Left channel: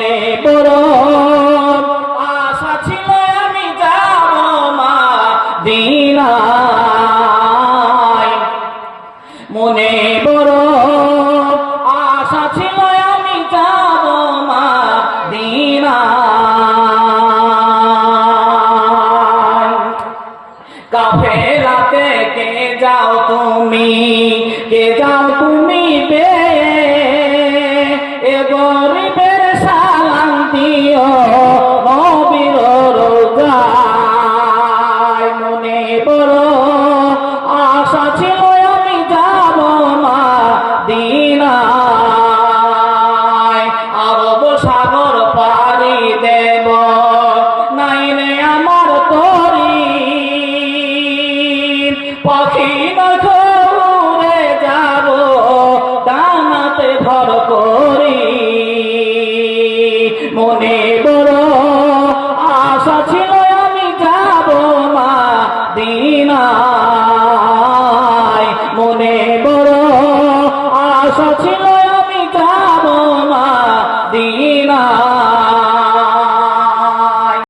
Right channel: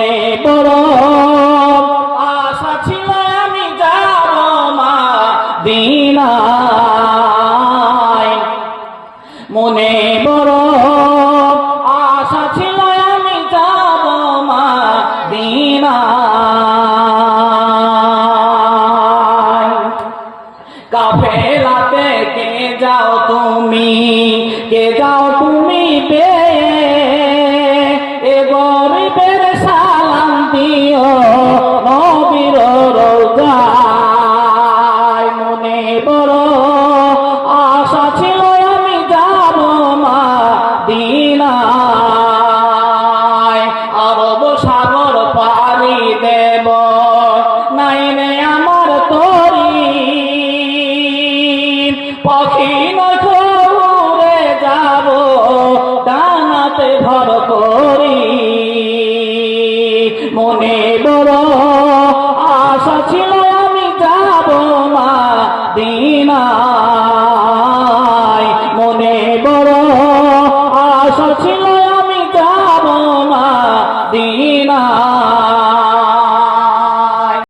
মনে বড় আশা ছিল আমি যাব মা দিনায় মনে বড় আশা ছিল আমি যাব মা দিনায় কাফেলাতে কে যাও তুমি? কে যাও তুমি বে? এ গরিবের সালাম আশা ছিল আমি যাব মা দিনায় আরব সাগর পাড়ি দেব। নাইনে আমার তরি পাখি নজরে যাব দানাতে ভর করি। মনে বড় আশা ছিল আমি যাব মা দিনায়